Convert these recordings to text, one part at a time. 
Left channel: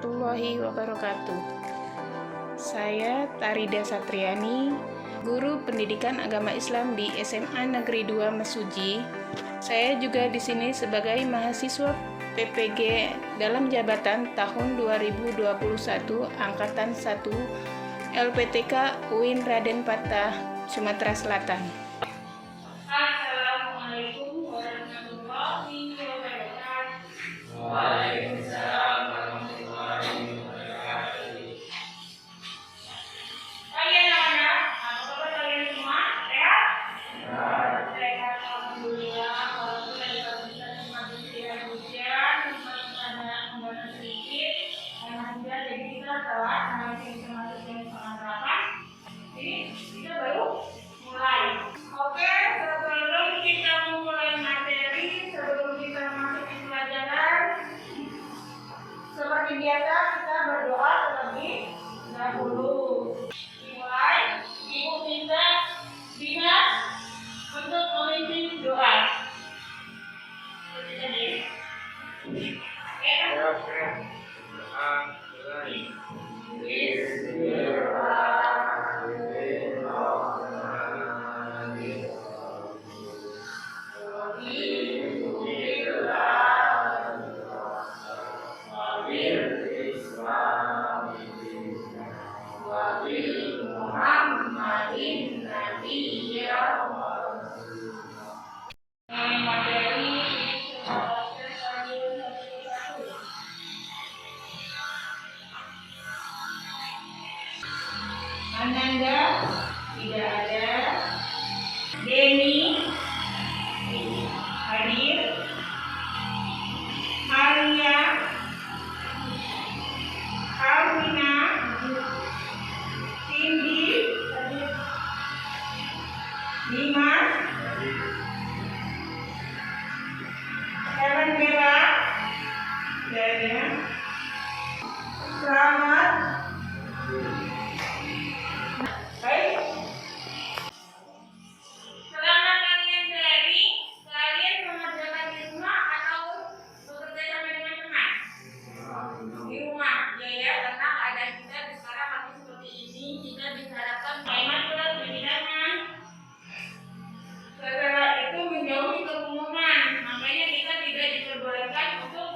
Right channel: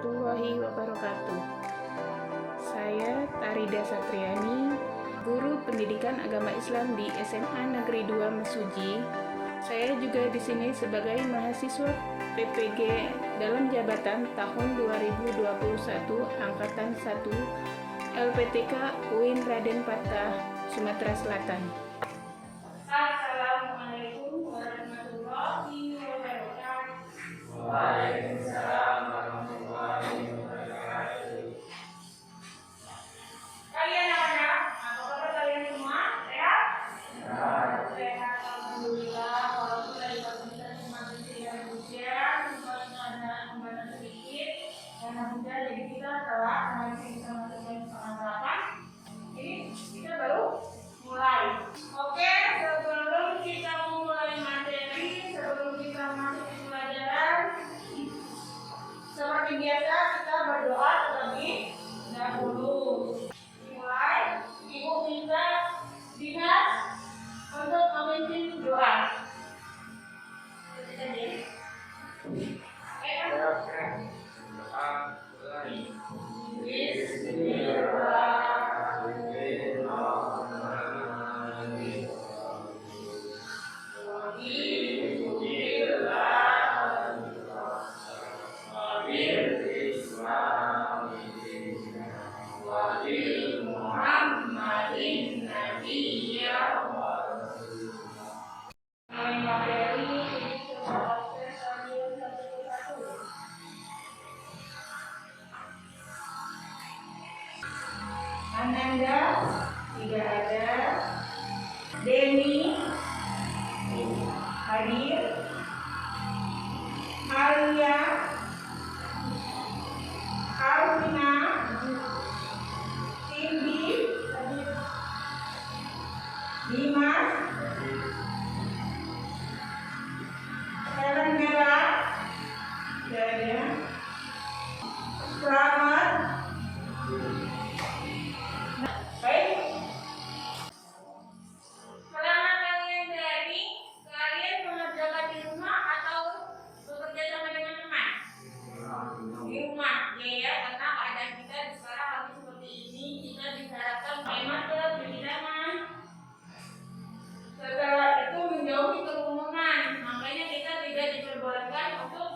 warahmatullahi wabarakatuh. Saya Tarida Satriani, guru pendidikan agama Islam di SMA Negeri 2 Mesuji. Saya juga di sini sebagai mahasiswa PPG dalam jabatan tahun 2021 Angkatan 1 LPTK UIN Raden Patah, Sumatera Selatan. Assalamualaikum warahmatullahi wabarakatuh. Waalaikumsalam warahmatullahi wabarakatuh. Kalian anak, apa kabar kalian semua? Sehat? Sehat, alhamdulillah. Walaupun lagi kesulitan semakin tidak hujan, sempat ada hambatan sedikit, karena hujan jadi kita telat masih bisa masuk jam 7:30. Jadi kita baru mulai. Oke, sebelum kita mulai materi, sebelum kita masuk ke pelajaran, seperti biasa kita berdoa terlebih dahulu. Dimulai, Ibu minta Dimas untuk memimpin doa. Ananda tidak ada. Denny hadir. Maria, Alvina, Cindy, Dimas, Helen Bella, dan Selamat. Baik. Selama kalian daring, kalian mengerjakan di rumah atau bekerja sama dengan teman? Di rumah, ya, karena keadaan kita sekarang masih seperti ini, kita diharapkan pakai masker, cuci tangan. Setelah itu menjauhi kerumunan, makanya kita tidak diperbolehkan untuk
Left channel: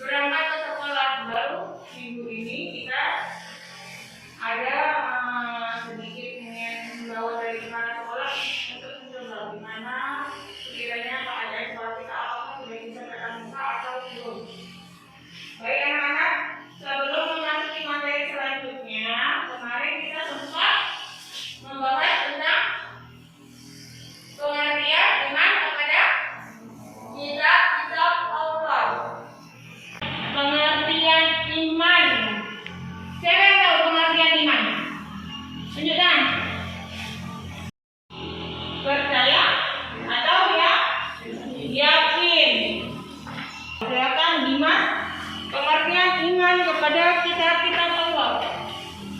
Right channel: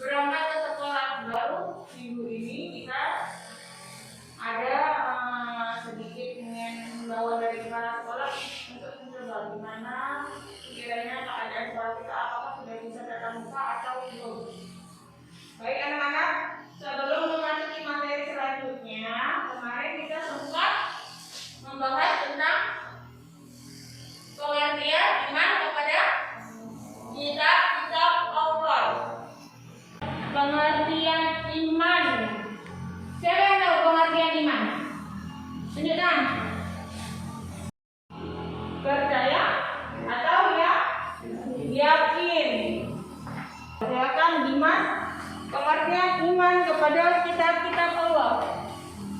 berangkat ke sekolah. Baru minggu ini kita ada sedikit ingin membawa dari mana sekolah untuk mencoba gimana sekiranya keadaan sekolah kita apakah sudah bisa tatap muka atau belum. Baik anak-anak, sebelum memasuki materi selanjutnya, kemarin kita sempat membahas tentang pengertian iman kepada kitab Allah. Pengertian iman. Siapa yang tahu pengertian iman? Tunjukkan. Percaya atau ya? Yakin. Silakan Dimas. Pengertian iman kepada kitab Allah.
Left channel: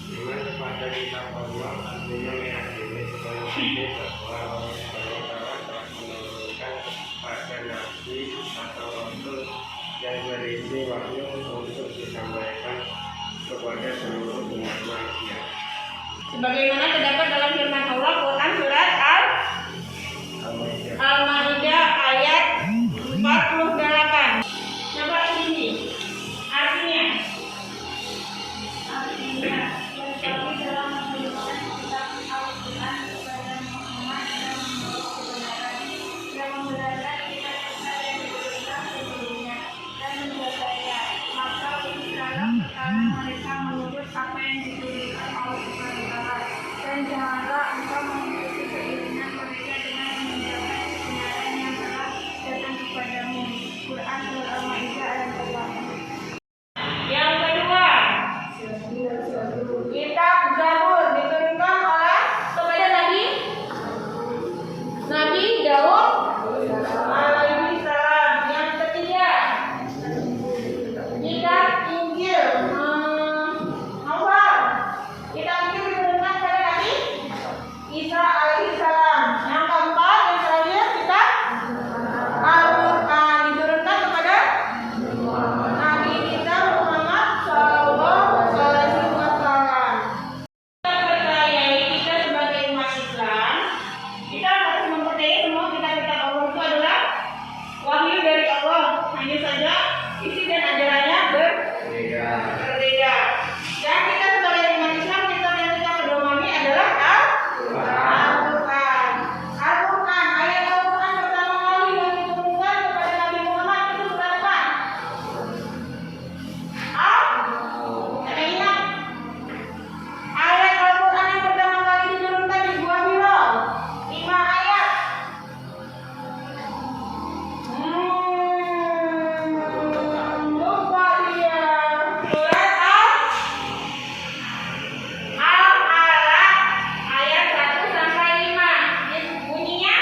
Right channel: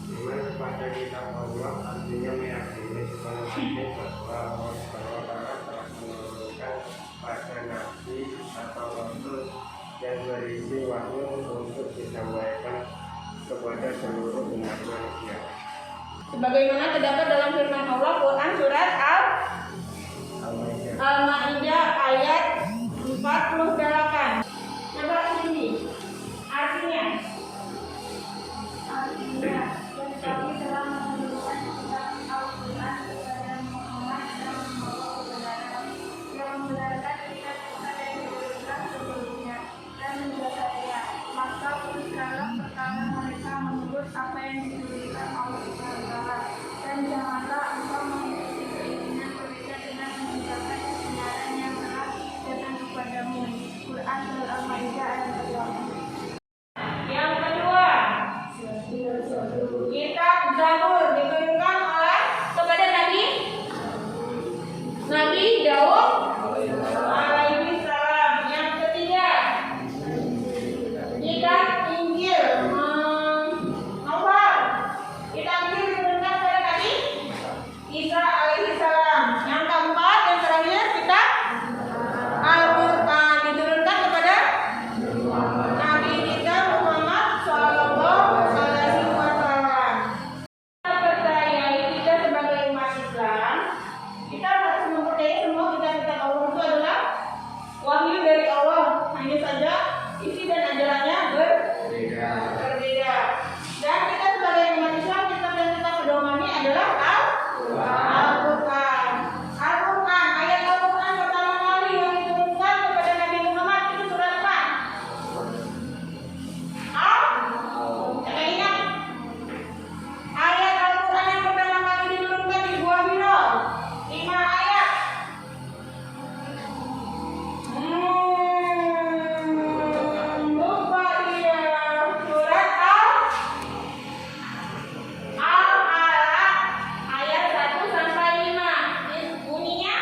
Iman kepada kitab Allah artinya meyakini sebagai bahwa Allah telah menurunkan pada nabi atau rasul yang berisi wahyu untuk disampaikan kepada seluruh umat manusia. Sebagaimana terdapat dalam firman Allah Quran surat Al-Maidah ayat 48. Coba ini artinya dan kami telah menurunkan kitab Al-Quran kepada Muhammad yang membawa kebenaran, yang membenarkan kitab yang diturunkan sebelumnya dan menjaganya. Maka uruskanlah perkara mereka menurut apa yang diturunkan Allah Subhanahu wa Ta'ala, dan janganlah engkau mengikuti keinginan mereka dengan meninggalkan kebenaran yang telah datang kepadamu. Quran surat Al-Maidah ayat 48. Yang kedua, kitab Zabur diturunkan oleh kepada Nabi Daud alaihi salam. Yang ketiga, kitab Injil. Kitab Injil diturunkan kepada Nabi Isa alaihi salam. Yang keempat dan terakhir, kitab Al-Quran diturunkan kepada Nabi kita Muhammad Al-Quran. Al-Quran, ayat Al-Quran pertama kali yang diturunkan kepada Nabi Muhammad itu surat apa? Ada ingat? Ayat Al-Quran yang pertama kali diturunkan di Gua Hira, 5 ayat. Lupa dia. Surat Al-Alaq ayat 1 sampai 5. Bunyinya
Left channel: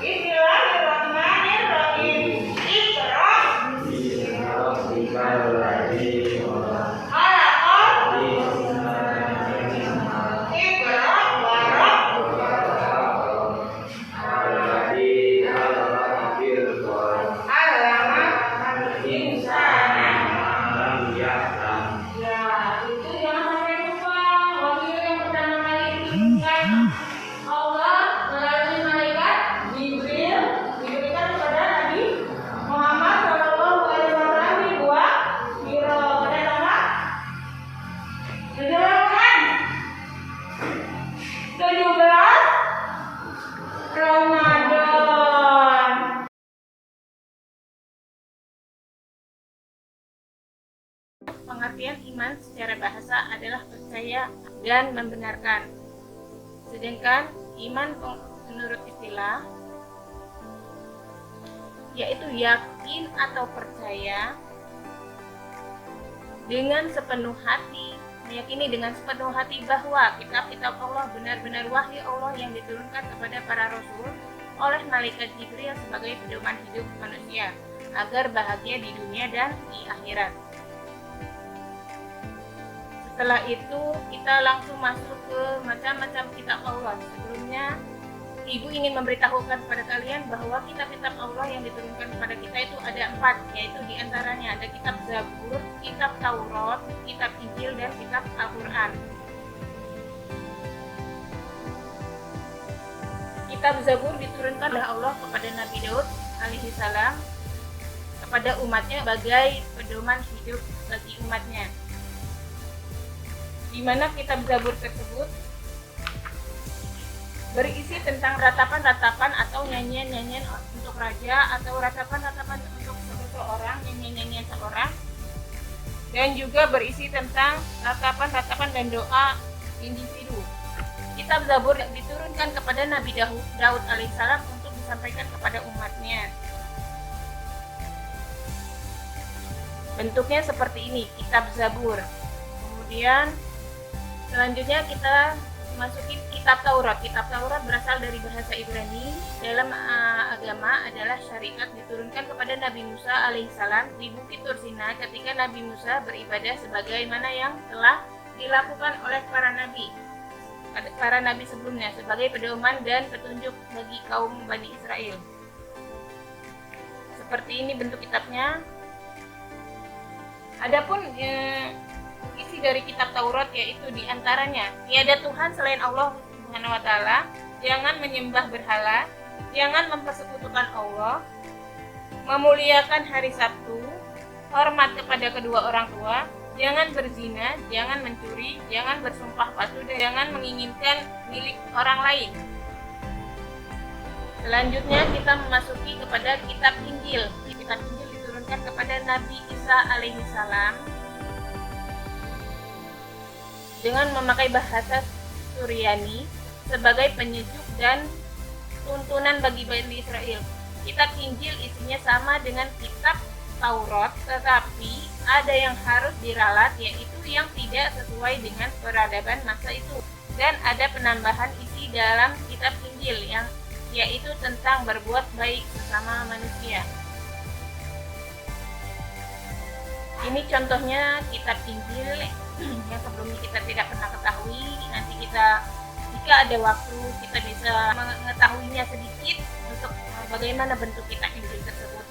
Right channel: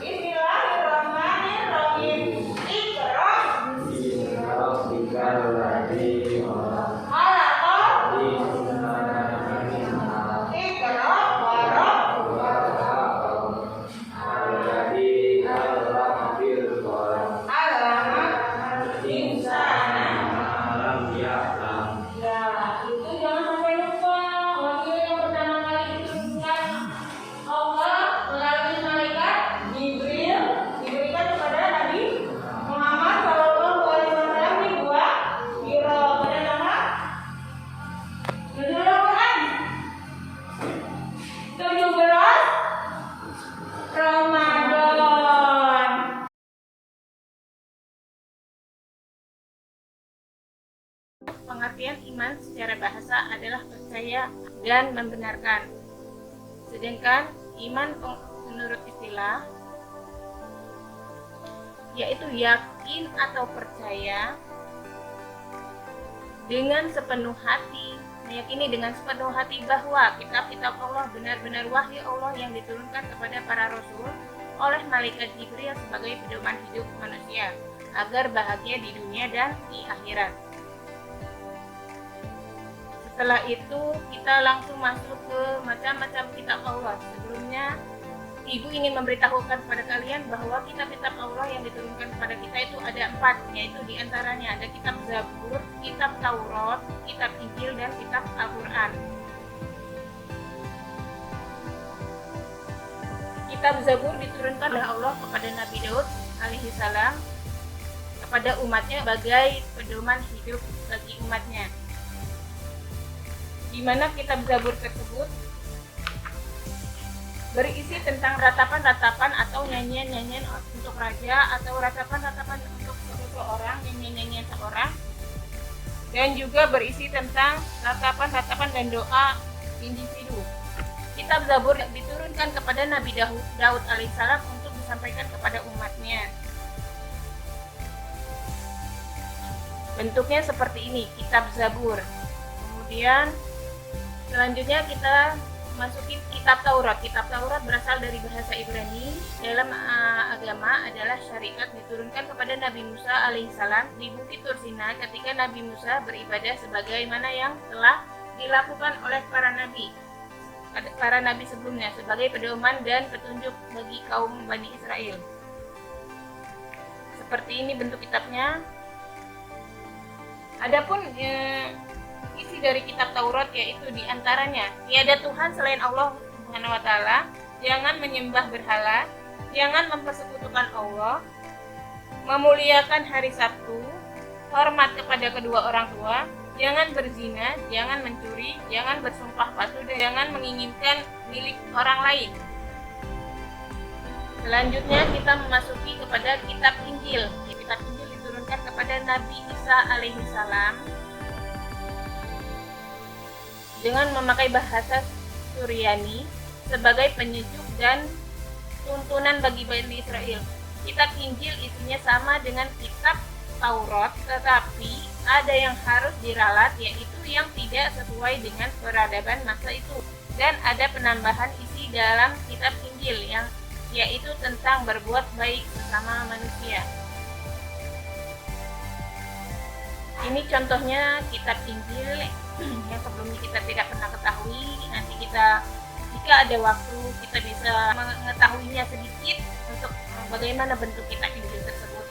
Bismillahirrahmanirrahim. Iqra. Khalaqal. Iqra wa rabbuka. Allama al-insana. Ya, itu jangan sampai lupa. Waktu yang pertama kali diturunkan Allah melalui malaikat Jibril diberikan kepada Nabi Muhammad SAW di Gua Hira pada tanggal 17 Ramadan. Pengertian iman secara bahasa adalah percaya dan membenarkan. Sedangkan iman menurut istilah yaitu yakin atau percaya dengan sepenuh hati, meyakini dengan sepenuh hati bahwa kitab-kitab Allah benar-benar wahyu Allah yang diturunkan kepada para rasul oleh malaikat Jibril sebagai pedoman hidup manusia agar bahagia di dunia dan di akhirat. Setelah itu kita langsung masuk ke macam-macam kitab Allah. Sebelumnya Ibu ingin memberitahukan kepada kalian bahwa kitab-kitab Allah yang diturunkan kepada kita itu ada 4, yaitu diantaranya ada kitab Zabur, kitab Taurat, kitab Injil, dan kitab Al-Quran. Kitab Zabur diturunkan oleh Allah kepada Nabi Daud alaihi salam kepada umatnya sebagai pedoman hidup bagi umatnya. Di mana kitab Zabur tersebut berisi tentang ratapan-ratapan atau nyanyian-nyanyian untuk raja atau ratapan-ratapan untuk seseorang, nyanyian-nyanyian seorang, dan juga berisi tentang ratapan-ratapan dan doa individu. Kitab Zabur diturunkan kepada Nabi Daud alaihissalam untuk disampaikan kepada umatnya. Bentuknya seperti ini, kitab Zabur. Kemudian selanjutnya kita masukin kitab Taurat. Kitab Taurat berasal dari bahasa Ibrani. Dalam agama adalah syariat diturunkan kepada Nabi Musa alaihissalam di Bukit Tursina ketika Nabi Musa beribadah sebagaimana yang telah dilakukan oleh para nabi sebelumnya sebagai pedoman dan petunjuk bagi kaum Bani Israel. Seperti ini bentuk kitabnya. Adapun isi dari kitab Taurat yaitu diantaranya tiada Tuhan selain Allah Subhanahu wa Ta'ala, jangan menyembah berhala, jangan mempersekutukan Allah, memuliakan hari Sabtu, hormat kepada kedua orang tua, jangan berzina, jangan mencuri, jangan bersumpah palsu, dan jangan menginginkan milik orang lain. Selanjutnya kita memasuki kepada kitab Injil. Kitab Injil diturunkan kepada Nabi Isa alaihissalam dengan memakai bahasa Suryani sebagai penyejuk dan tuntunan bagi Bani Israel. Kitab Injil isinya sama dengan kitab Taurat, tetapi ada yang harus diralat, yaitu yang tidak sesuai dengan peradaban masa itu. Dan ada penambahan isi dalam kitab Injil yang yaitu tentang berbuat baik sesama manusia. Ini contohnya kitab Injil yang sebelumnya kita tidak pernah ketahui. Nanti kita, jika ada waktu, kita bisa mengetahuinya sedikit untuk bagaimana bentuk kitab Injil tersebut.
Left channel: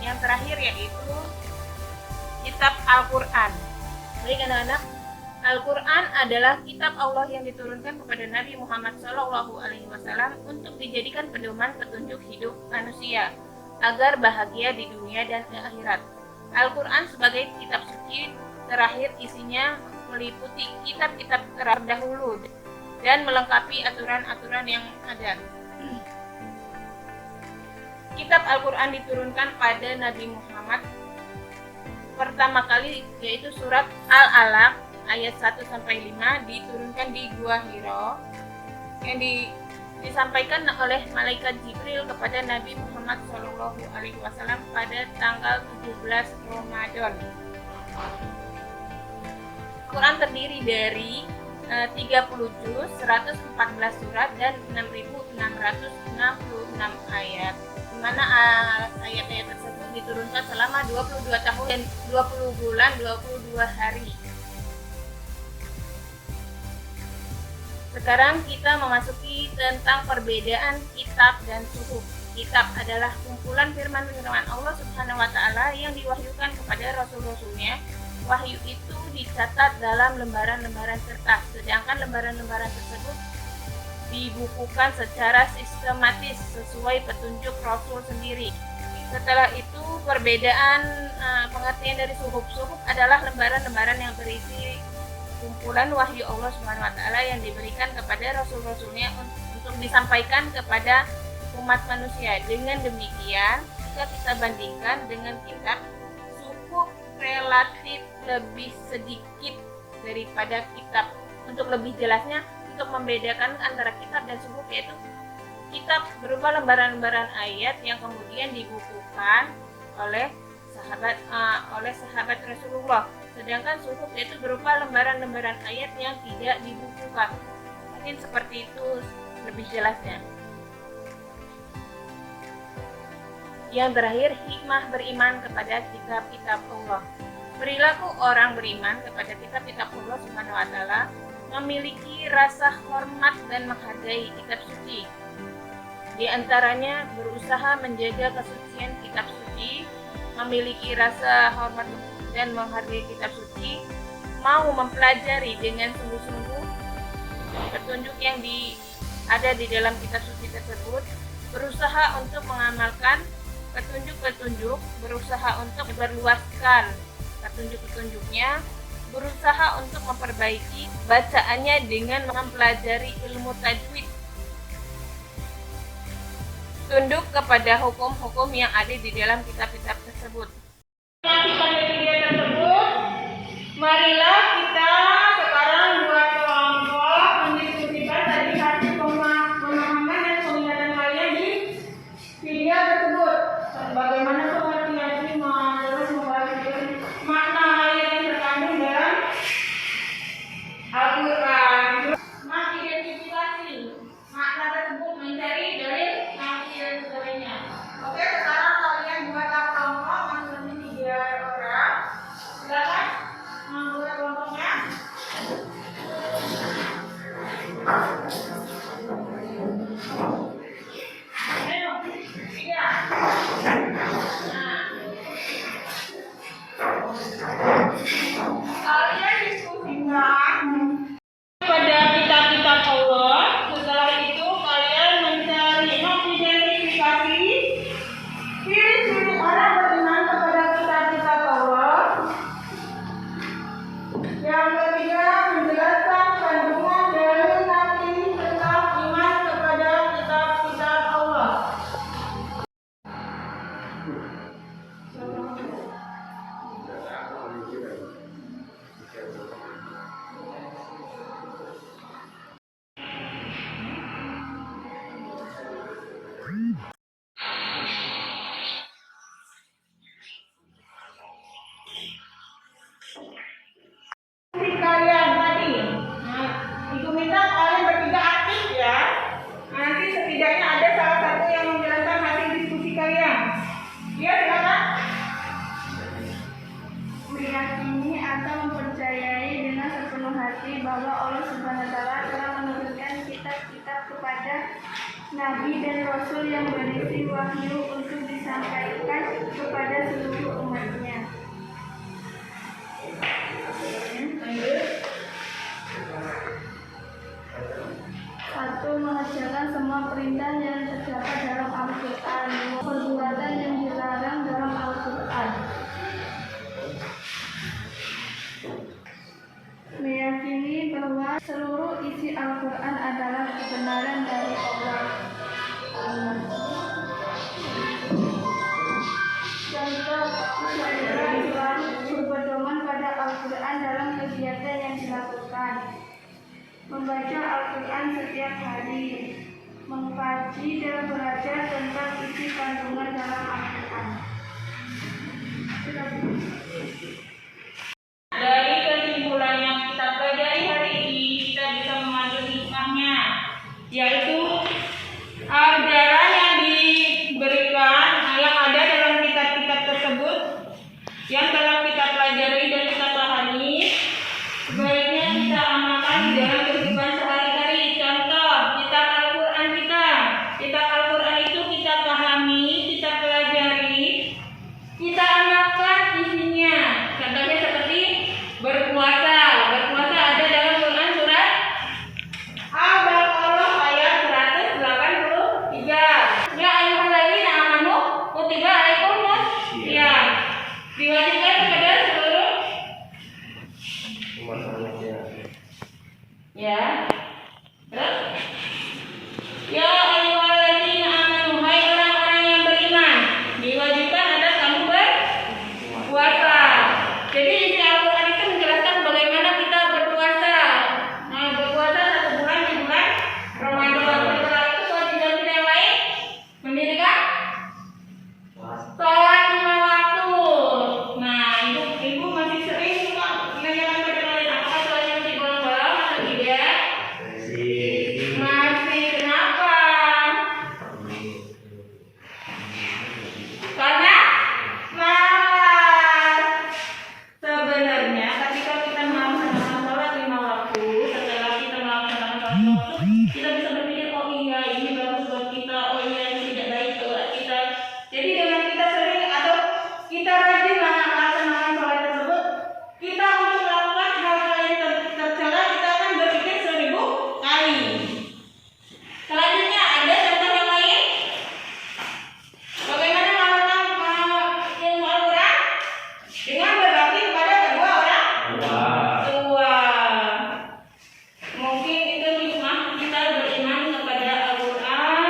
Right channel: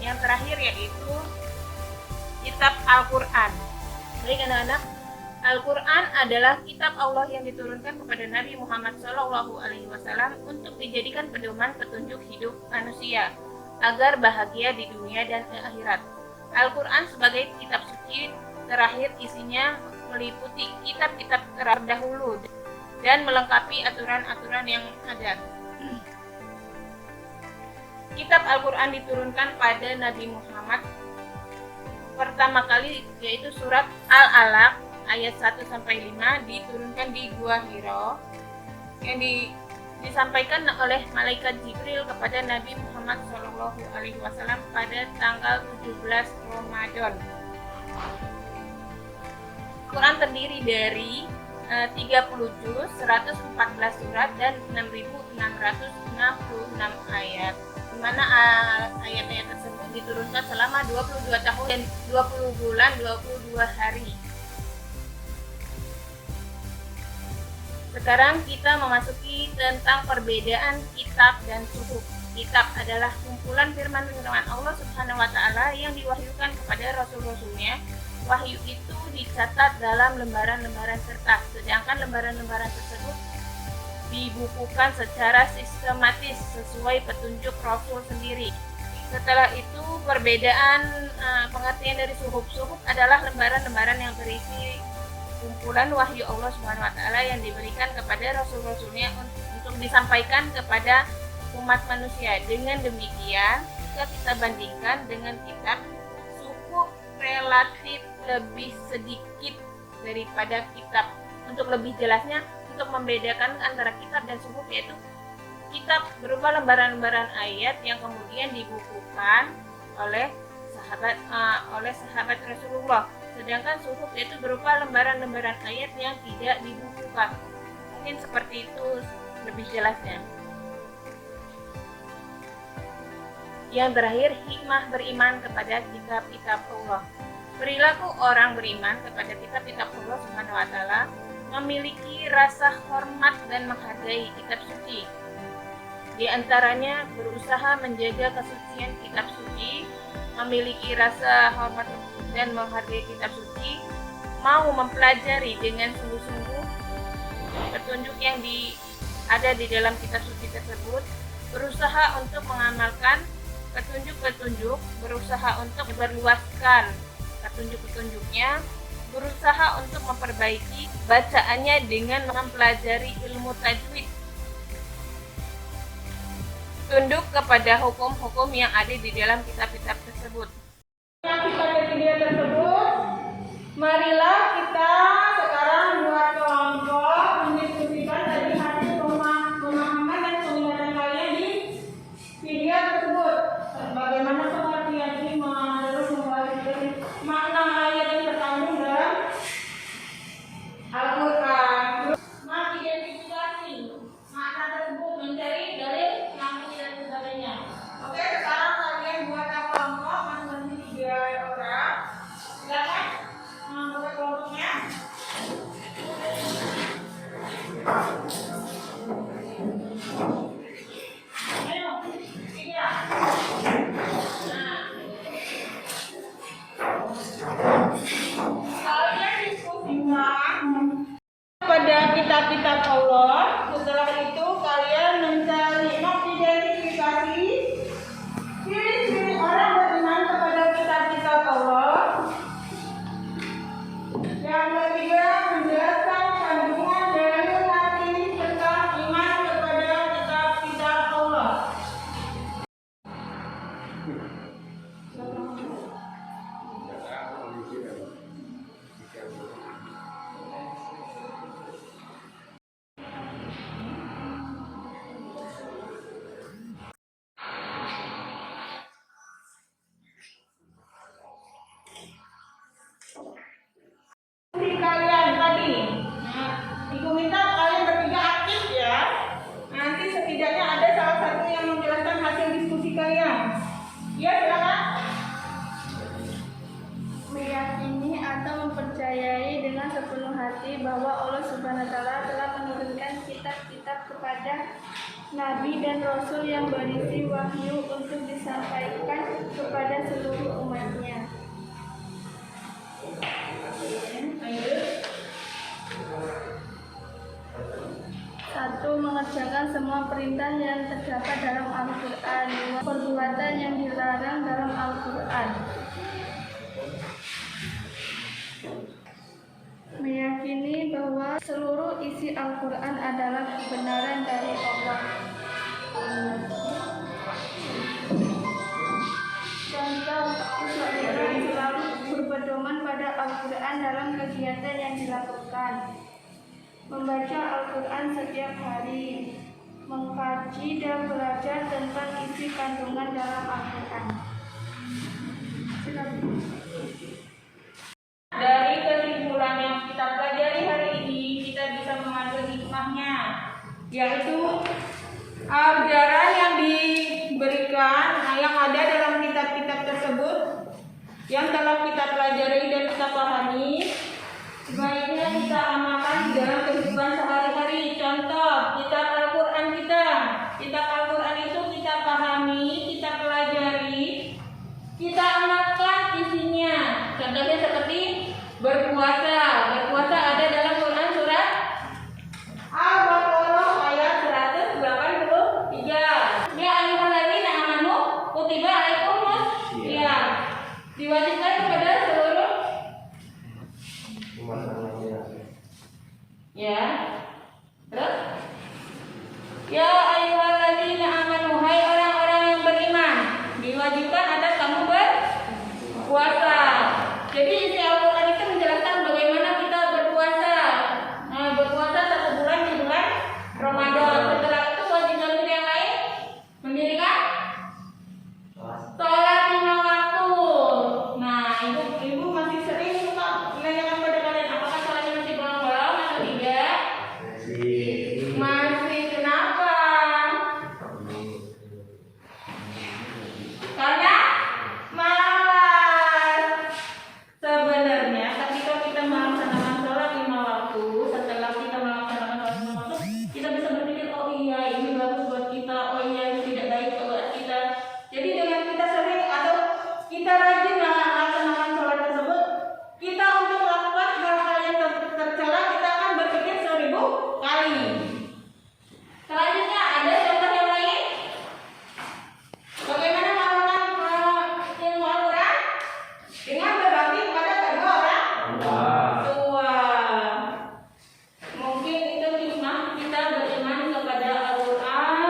Yang terakhir yaitu kitab Al-Quran. Baik anak-anak, Al-Quran adalah kitab Allah yang diturunkan kepada Nabi Muhammad SAW untuk dijadikan pedoman petunjuk hidup manusia agar bahagia di dunia dan akhirat. Al-Quran sebagai kitab suci terakhir isinya meliputi kitab-kitab terdahulu dan melengkapi aturan-aturan yang ada. Kitab Al-Quran diturunkan pada Nabi Muhammad pertama kali, yaitu surat Al-Alaq ayat 1-5 diturunkan di Gua Hiro yang disampaikan oleh malaikat Jibril kepada Nabi Muhammad SAW pada tanggal 17 Ramadan. Quran terdiri dari 30 juz, 114 surat dan 6.666 ayat, di mana ayat-ayat tersebut diturunkan selama 22 tahun dan 20 bulan 22 hari. Sekarang kita memasuki tentang perbedaan kitab dan suhuf. Kitab adalah kumpulan firman-firman Allah Subhanahu wa Ta'ala yang diwahyukan kepada rasul-rasulnya. Wahyu itu dicatat dalam lembaran-lembaran kertas, sedangkan lembaran-lembaran tersebut dibukukan secara sistematis sesuai petunjuk Rasul sendiri. Setelah itu, perbedaan pengertian dari suhuf. Suhuf adalah lembaran-lembaran yang berisi kumpulan wahyu Allah Subhanahu wa Ta'ala yang diberikan kepada rasul-rasulnya untuk disampaikan kepada umat manusia. Dengan demikian, jika kita bandingkan dengan kitab, suhuf relatif lebih sedikit daripada kitab. Untuk lebih jelasnya, untuk membedakan antara kitab dan suhuf, yaitu kitab berupa lembaran-lembaran ayat yang kemudian dibukukan oleh sahabat Rasulullah, sedangkan suhuf itu berupa lembaran-lembaran ayat yang tidak dibukukan. Mungkin seperti itu lebih jelasnya. Yang terakhir, hikmah beriman kepada kitab-kitab Allah. Perilaku orang beriman kepada kitab-kitab Allah Subhanahu wa Ta'ala memiliki rasa hormat dan menghargai kitab suci. Di antaranya berusaha menjaga kesucian kitab suci, memiliki rasa hormat dan menghargai kitab suci, mau mempelajari dengan sungguh-sungguh petunjuk yang ada di dalam kitab suci tersebut, berusaha untuk mengamalkan petunjuk-petunjuk, berusaha untuk memperluaskan petunjuk-petunjuknya, berusaha untuk memperbaiki bacaannya dengan mempelajari ilmu tajwid, tunduk kepada hukum-hukum yang ada di dalam kitab-kitab tersebut. Pada video tersebut, marilah kita sekarang buat kelompok mendiskusikan dari hasil pemahaman dan penglihatan kalian di video tersebut. Bagaimana pengertian terus membahas makna ayat yang terkandung dalam Al-Quran. Mengidentifikasi makna tersebut, mencari dalil, nafsi dan sebagainya. Oke, sekarang kalian buatlah kelompok masing-masing 3 orang. Silakan membuat kelompoknya. Ayo, 3. Kalian diskusikan pada kitab-kitab Allah. Setelah itu kalian mencari mengidentifikasi ciri-ciri orang beriman kepada kitab-kitab Allah. Yang ketiga, menjelaskan kandungan dari nafsi tentang iman kepada kitab-kitab Allah. Kalian tadi, Ibu minta kalian bertiga aktif ya. Nanti setidaknya ada salah satu yang menjelaskan hasil diskusi kalian. Ya, silakan. Meyakini atau mempercayai dengan sepenuh hati bahwa Allah Subhanahu wa Ta'ala telah menurunkan kitab-kitab kepada Nabi dan Rasul yang berisi wahyu untuk disampaikan kepada seluruh umatnya. Satu, mengerjakan semua perintah yang terdapat dalam Al-Quran. Dua, perbuatan yang dilarang dalam Al-Quran. Meyakini bahwa seluruh isi Al-Quran adalah kebenaran dari Allah. Contoh, seseorang selalu berpedoman pada Al-Quran dalam kegiatan yang dilakukan. Membaca Al-Quran setiap hari, mengkaji dan belajar tentang isi kandungan dalam Al-Quran. Dari kesimpulan yang kita pelajari hari ini, kita bisa mengambil hikmahnya, yaitu ajaran yang diberikan, yang ada dalam kitab-kitab tersebut, yang telah kita pelajari dan kita pahami, sebaiknya kita amalkan di dalam kehidupan sehari-hari. Contoh, kitab Al-Quran kita. Kitab Al-Quran itu kita pahami, kita pelajari, kita amalkan isinya. Contohnya seperti berpuasa. Berpuasa ada dalam Quran surat Al-Baqarah ayat 183. Ya ayyuhalladzina amanu kutiba alaikumus syiyam. Diwajibkan kepada seluruh ya. Terus ya ayyuhalladzina amanu, hai orang-orang yang beriman, diwajibkan atas kamu berpuasa. Jadi isi Al-Quran itu menjelaskan bagaimana kita berpuasa. Nah, berpuasa 1 bulan di bulan Ramadan. Setelah itu kewajiban kita yang lain mendirikan sholat 5 waktu. Nah, ibu masih sering suka menanyakan pada kalian, apakah sholatnya masih bolong-bolong atau tidak? Masih. Kenapa? Karena malas. Sebenarnya ketika kita melaksanakan sholat 5 waktu, setelah kita melaksanakan sholat 5 waktu, kita bisa berpikir, oh iya ini bagus buat kita, oh iya ini tidak baik buat kita. Jadi dengan kita sering atau kita rajin melaksanakan sholat tersebut, kita untuk melakukan hal-hal yang tercela, kita akan berpikir 1000 kali. Selanjutnya ada contoh yang lain. Bagaimana melakukan ilmu Al-Quran? Dengan berbakti kepada kedua orang tua. Mungkin itu hikmah kita beriman kepada Al-Quran.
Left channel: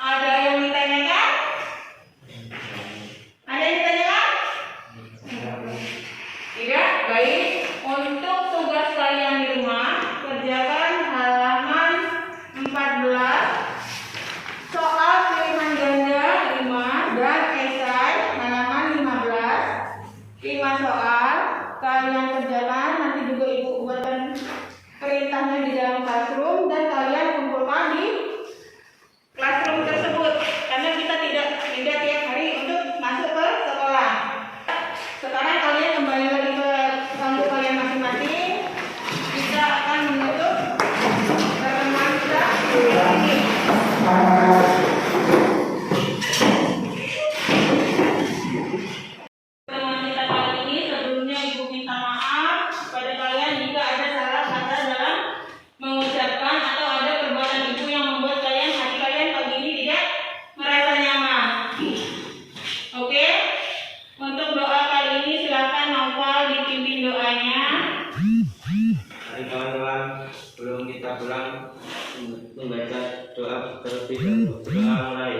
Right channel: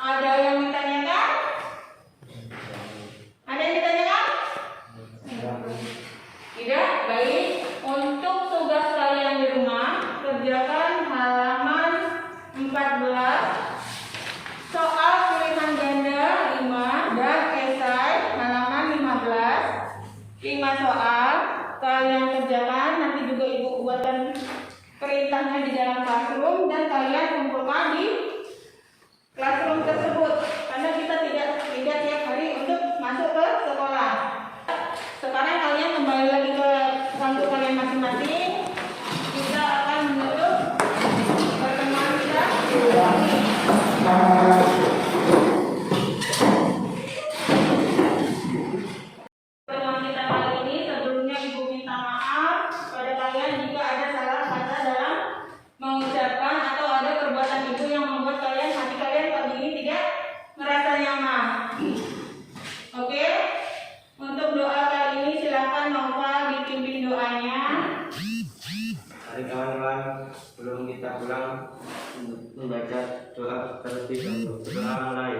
Ada yang ditanyakan? Ada yang ditanyakan? Tidak? Baik. Untuk tugas kalian di rumah, kerjakan halaman 14 soal kiriman ganda 5 dan esai halaman 15. 5 soal kalian kerjakan, nanti juga ibu buatkan perintahnya di dalam classroom dan kalian kumpulkan di classroom tersebut, karena kita tidak tiap hari untuk masuk ke sekolah. Sekarang kalian kembali lagi ke kelompok kalian masing-masing. Kita akan menutup pertemuan kita. Pertemuan kita kali ini, sebelumnya ibu minta maaf kepada kalian jika ada salah kata dalam mengucapkan atau ada perbuatan ibu yang membuat hati kalian pagi ini tidak merasa nyaman. Oke? Untuk doa kali ini silakan Noval dipimpin doanya. Mari kawan-kawan, sebelum kita pulang membaca doa terlebih dahulu. Doa mulai.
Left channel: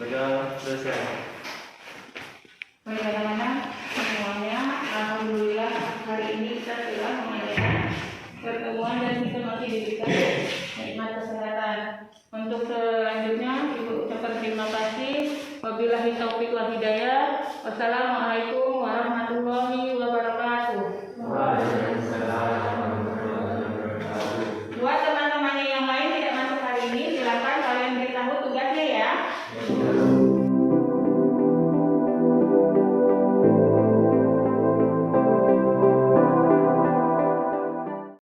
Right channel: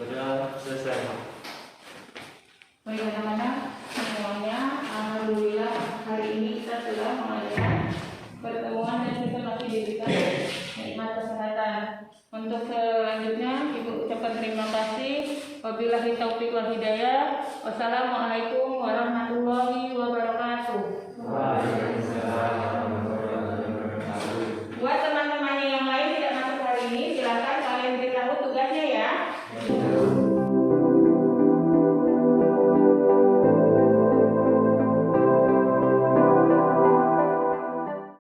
Berdoa selesai. Baik anak-anak semuanya, alhamdulillah hari ini kita sudah mengadakan pertemuan dan kita masih diberikan nikmat kesehatan. Untuk selanjutnya ibu ucapkan terima kasih. Wabillahi taufiq wal hidayah. Wassalamualaikum